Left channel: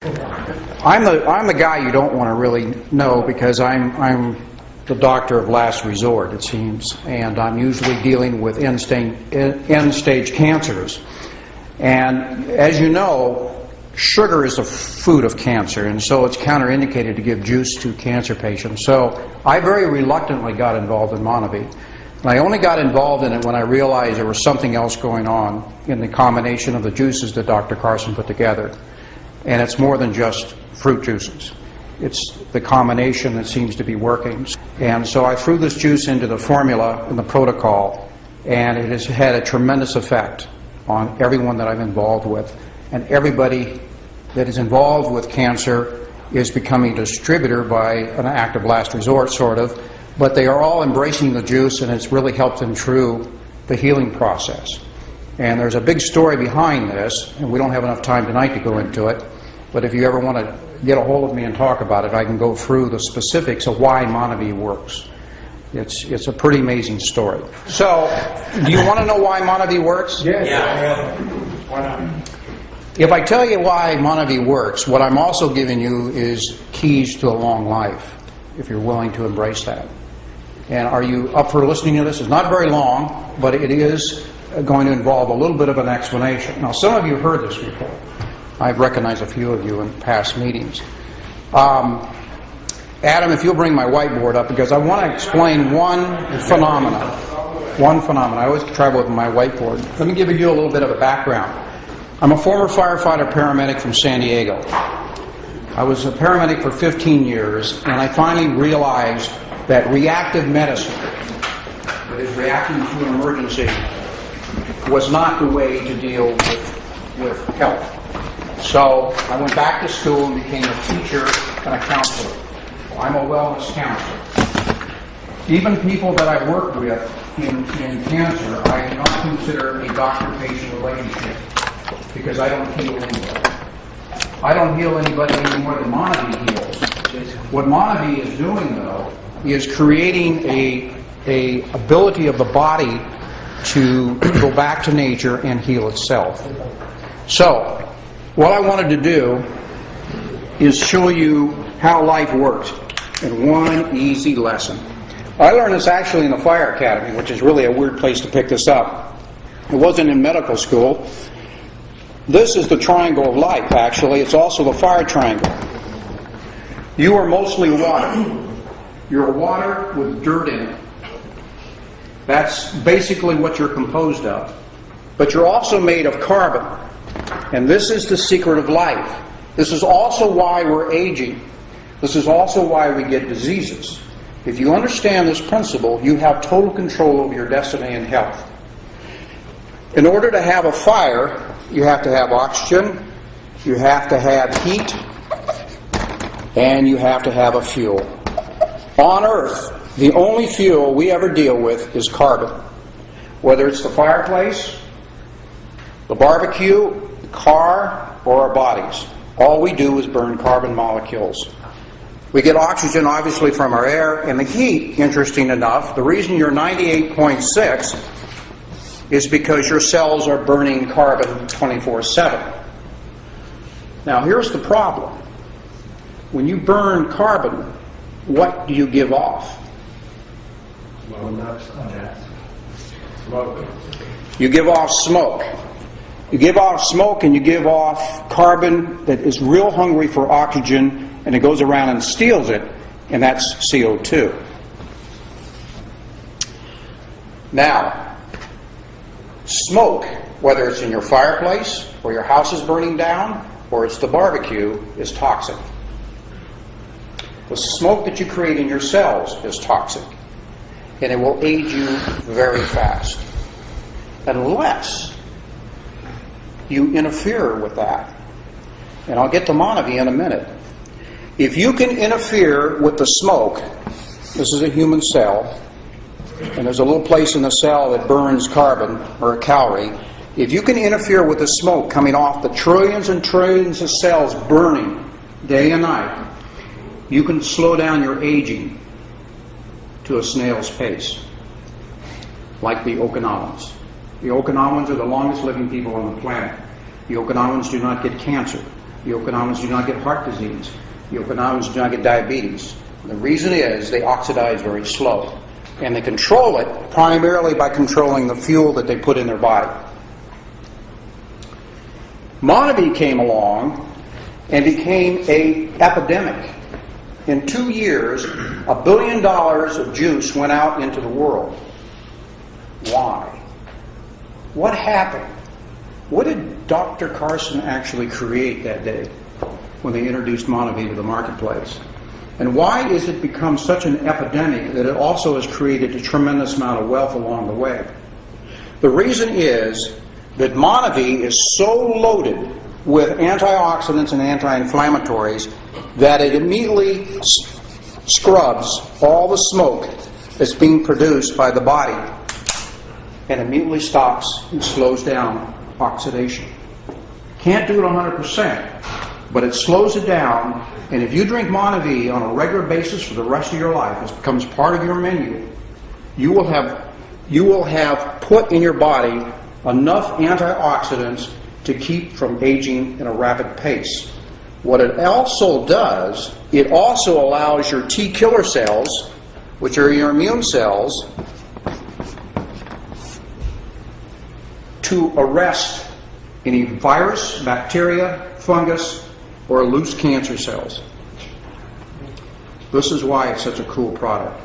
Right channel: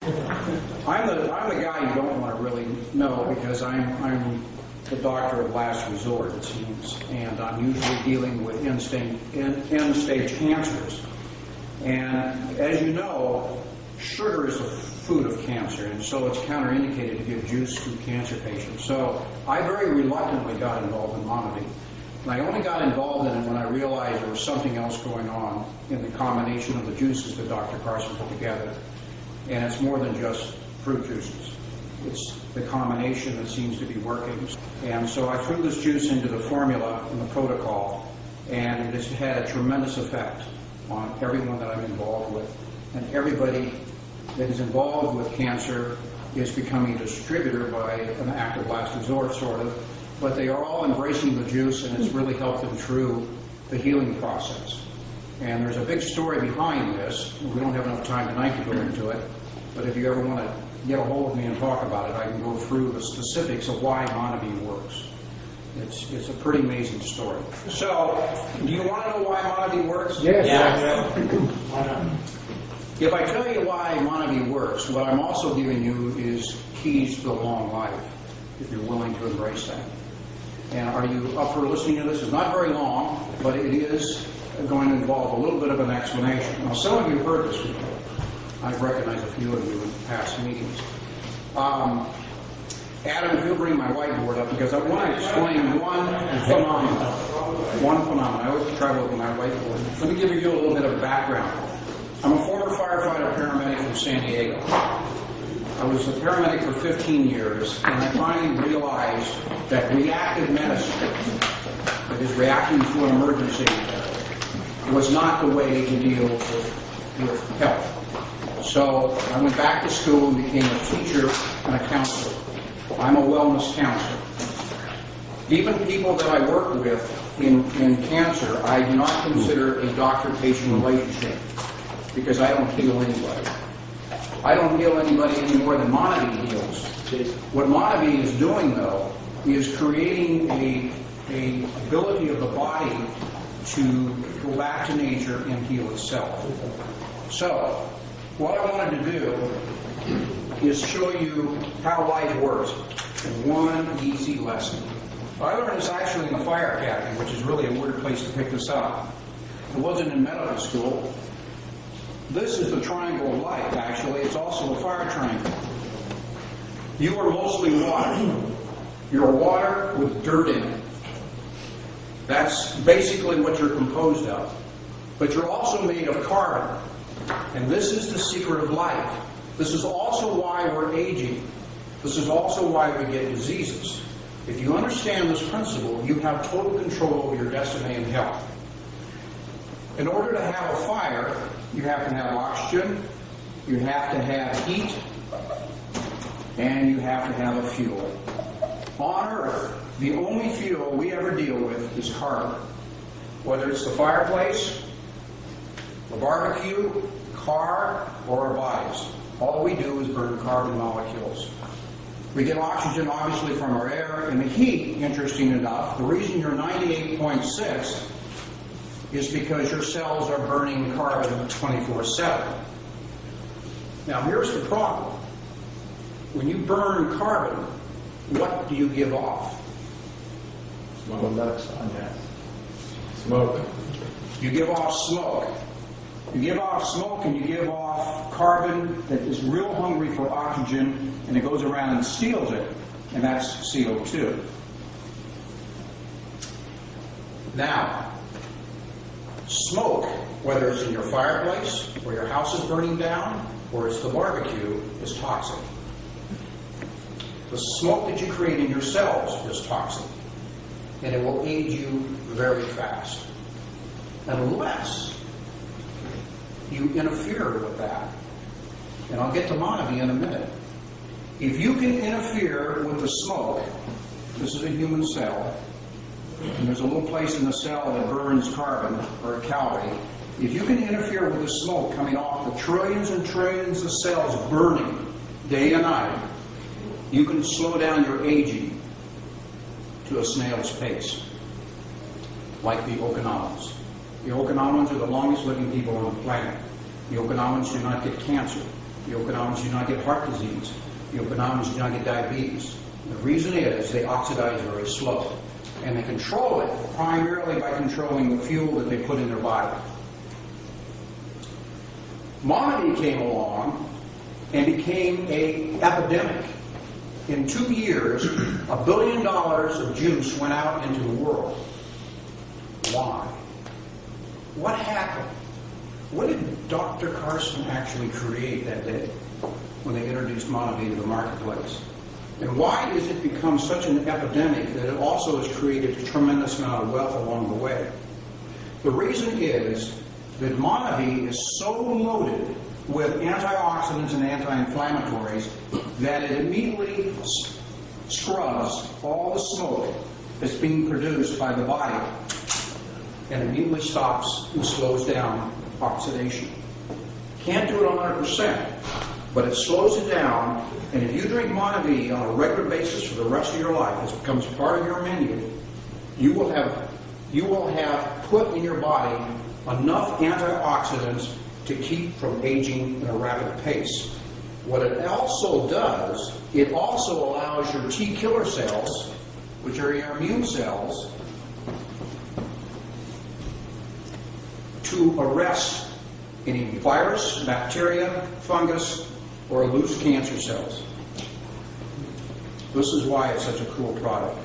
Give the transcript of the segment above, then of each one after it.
I'm the guy you don't want to really know because I'm the doctor of last resort, it seems, and I'm usually dealing with end-stage cancers. And as you know, sugar is the food of cancer, and so it's counterindicated to give juice to cancer patients. So I very reluctantly got involved in Monavie. And I only got involved in it when I realized there was something else going on in the combination of the juices that Dr. Carson put together. And it's more than just fruit juices. It's the combination that seems to be working. And so I threw this juice into the formula and the protocol, and it has had a tremendous effect on everyone that I'm involved with. And everybody that is involved with cancer is becoming a distributor by an act of last resort, sort of. But they are all embracing the juice, and it's really helped them through the healing process. And there's a big story behind this, and we don't have enough time tonight to go into it. But if you ever want to get a hold of me and talk about it, I can go through the specifics of why Monavie works. It's a pretty amazing story. So, do you want to know why Monavie works? Yes. Yeah. Why not? If I tell you why Monavie works, what I'm also giving you is keys to a long life, if you're willing to embrace that. And are you up for listening to this? It's not very long, but it is going to involve a little bit of an explanation. Now, some of you have heard this before. I've recognized a few of you in past meetings. Adam, if you'll bring my whiteboard up, because I want to explain one phenomenon. One phenomenon. I always travel with my whiteboard. Let me give you a little bit of a background. I'm a former firefighter paramedic from San Diego. I was a paramedic for 15 years, and I finally realized that reactive medicine, that is reacting to an emergency, was not the way to deal with health. So I went back to school and became a teacher and a counselor. I'm a wellness counselor. Even people that I work with in cancer, I do not consider a doctor-patient relationship because I don't heal anybody. I don't heal anybody any more than Monavie heals. What Monavie is doing, though, is creating a ability of the body to go back to nature and heal itself. So, what I wanted to do is show you how life works in one easy lesson. I learned this actually in the Fire Academy, which is really a weird place to pick this up. It wasn't in medical school. This is the triangle of life, actually. It's also the fire triangle. You are mostly water. You're water with dirt in it. That's basically what you're composed of. But you're also made of carbon. And this is the secret of life. This is also why we're aging. This is also why we get diseases. If you understand this principle, you have total control over your destiny and health. In order to have a fire, you have to have oxygen, you have to have heat, and you have to have a fuel. On Earth, the only fuel we ever deal with is carbon. Whether it's the fireplace, the barbecue, the car, or our bodies. All we do is burn carbon molecules. We get oxygen, obviously, from our air, and the heat, interesting enough, the reason you're 98.6 is because your cells are burning carbon 24/7. Now, here's the problem. When you burn carbon, what do you give off? Smoke. You give off smoke. You give off smoke and you give off carbon that is real hungry for oxygen, and it goes around and steals it, and that's CO2. Now, smoke, whether it's in your fireplace or your house is burning down or it's the barbecue, is toxic. The smoke that you create in your cells is toxic, and it will age you very fast unless you interfere with that. And I'll get to Monavie in a minute. If you can interfere with the smoke, this is a human cell, and there's a little place in the cell that burns carbon or a calorie. If you can interfere with the smoke coming off the trillions and trillions of cells burning day and night, you can slow down your aging to a snail's pace, like the Okinawans. The Okinawans are the longest living people on the planet. The Okinawans do not get cancer. The Okinawans do not get heart disease. The Okinawans do not get diabetes. The reason is they oxidize very slow. And they control it primarily by controlling the fuel that they put in their body. Monavie came along and became an epidemic. In 2 years, $1 billion of juice went out into the world. Why? What happened? What did Dr. Carson actually create that day when they introduced Monavie to the marketplace? And why has it become such an epidemic that it also has created a tremendous amount of wealth along the way? The reason is that Monavie is so loaded with antioxidants and anti-inflammatories that it immediately scrubs all the smoke that's being produced by the body and immediately stops and slows down oxidation. Can't do it 100%, but it slows it down. And if you drink Monavie on a regular basis for the rest of your life, this becomes part of your menu, you will have put in your body enough antioxidants to keep from aging in a rapid pace. What it also does, it also allows your T killer cells, which are your immune cells, to arrest any virus, bacteria, fungus, or loose cancer cells. This is why it's such a cool product.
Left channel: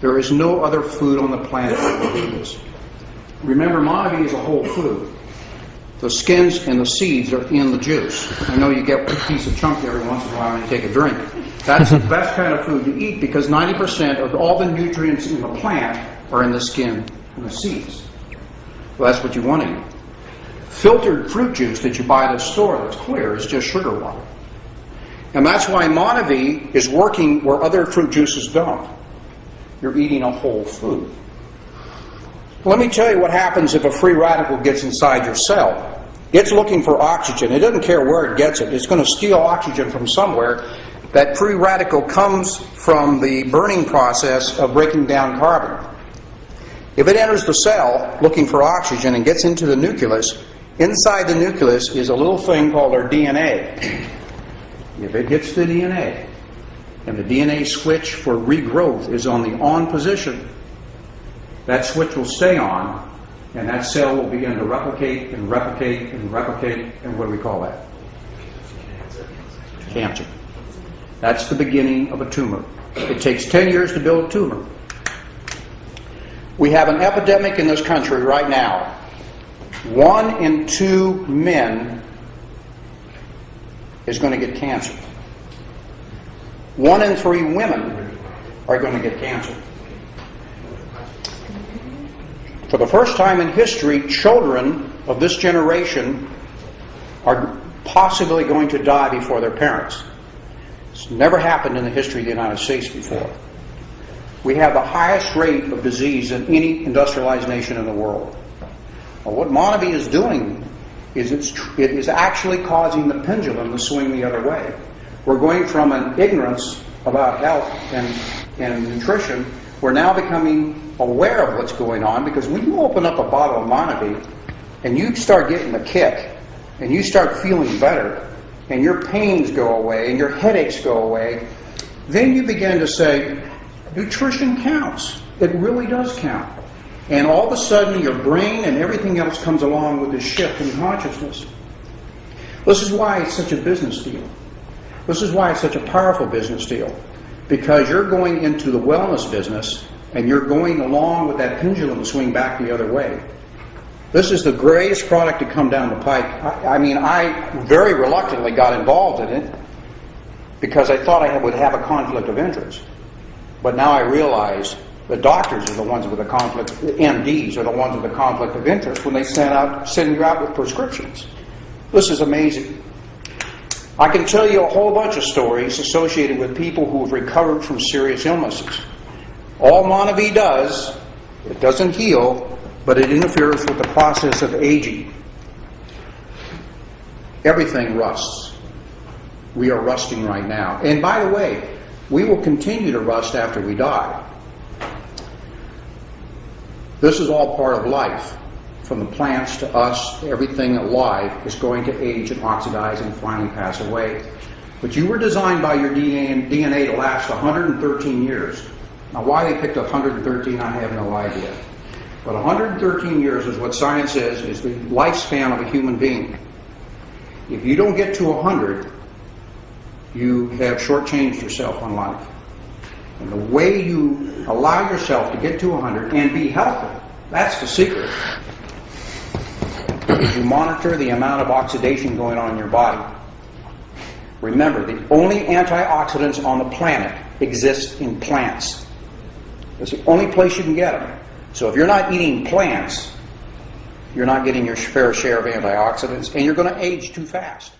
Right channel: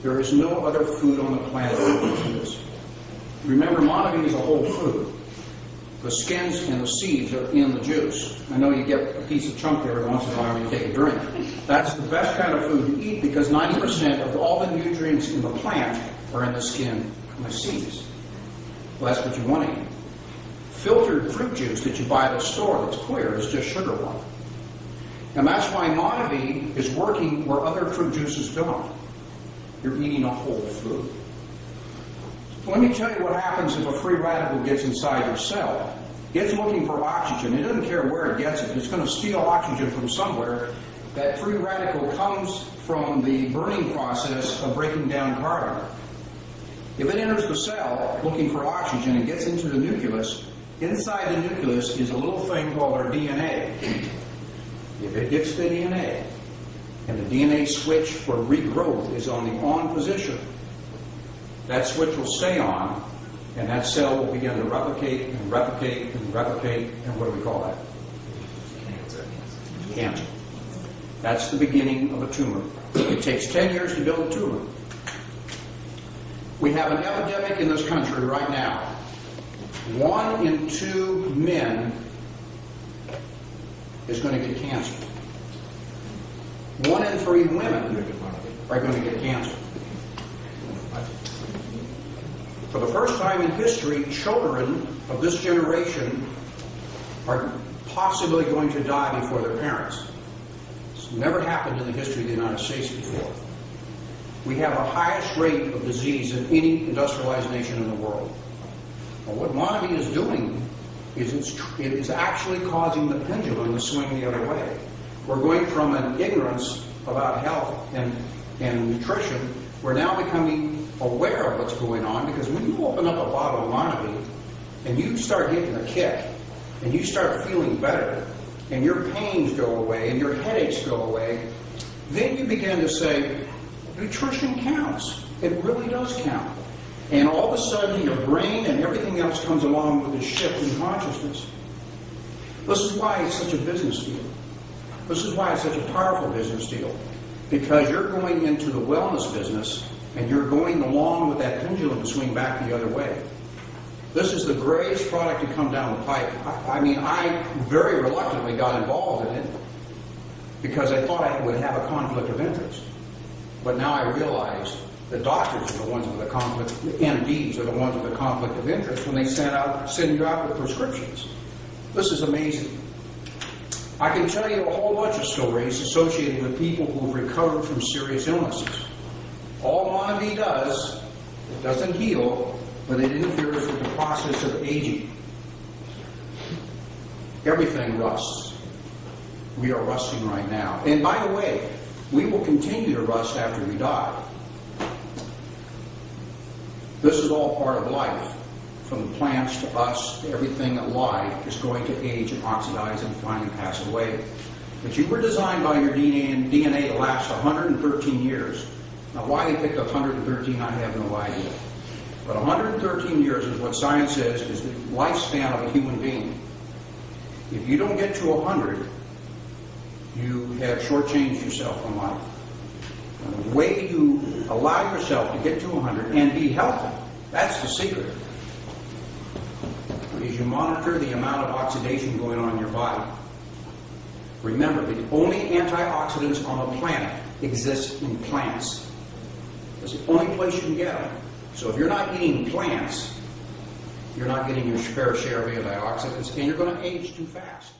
There is no other food on the planet that works with this. Remember, Monavie is a whole food. The skins and the seeds are in the juice. I know you get a piece of chunk every once in a while when you take a drink. That's the best kind of food to eat because 90% of all the nutrients in the plant are in the skin and the seeds. Well, that's what you want to eat. Filtered fruit juice that you buy at the store that's clear is just sugar water. And that's why Monavie is working where other fruit juices don't. You're eating a whole food. Let me tell you what happens if a free radical gets inside your cell. It's looking for oxygen. It doesn't care where it gets it. It's going to steal oxygen from somewhere. That free radical comes from the burning process of breaking down carbon. If it enters the cell looking for oxygen and gets into the nucleus, inside the nucleus is a little thing called our DNA. If it hits the DNA, and the DNA switch for regrowth is on the on position, that switch will stay on, and that cell will begin to replicate and replicate and replicate, and what do we call that? Cancer. That's the beginning of a tumor. It takes 10 years to build a tumor. We have an epidemic in this country right now. 1 in 2 men is going to get cancer. 1 in 3 women are going to get cancer. For the first time in history, children of this generation are possibly going to die before their parents. It's never happened in the history of the United States before. We have the highest rate of disease in any industrialized nation in the world. Well, what Monavie is doing is it is actually causing the pendulum to swing the other way. We're going from an ignorance about health and nutrition. We're now becoming aware of what's going on, because when you open up a bottle of Monavie and you start getting a kick and you start feeling better and your pains go away and your headaches go away, then you begin to say, nutrition counts. It really does count. And all of a sudden your brain and everything else comes along with this shift in consciousness. This is why it's such a business deal. This is why it's such a powerful business deal. Because you're going into the wellness business and you're going along with that pendulum to swing back the other way. This is the greatest product to come down the pike. I very reluctantly got involved in it because I thought I would have a conflict of interest. But now I realize the doctors are the ones with the conflict, the MDs are the ones with the conflict of interest when they send you out with prescriptions. This is amazing. I can tell you a whole bunch of stories associated with people who have recovered from serious illnesses. All Monavie does, it doesn't heal, but it interferes with the process of aging. Everything rusts. We are rusting right now. And by the way, we will continue to rust after we die. This is all part of life. from the plants to us, everything alive is going to age and oxidize and finally pass away. But you were designed by your DNA to last 113 years. Now, why they picked 113, I have no idea. But 113 years is what science says is the lifespan of a human being. If you don't get to 100, you have shortchanged yourself on life. And the way you allow yourself to get to 100 and be healthy, that's the secret. You monitor the amount of oxidation going on in your body. Remember, the only antioxidants on the planet exist in plants. That's the only place you can get them. So if you're not eating plants, you're not getting your fair share of antioxidants, and you're going to age too fast.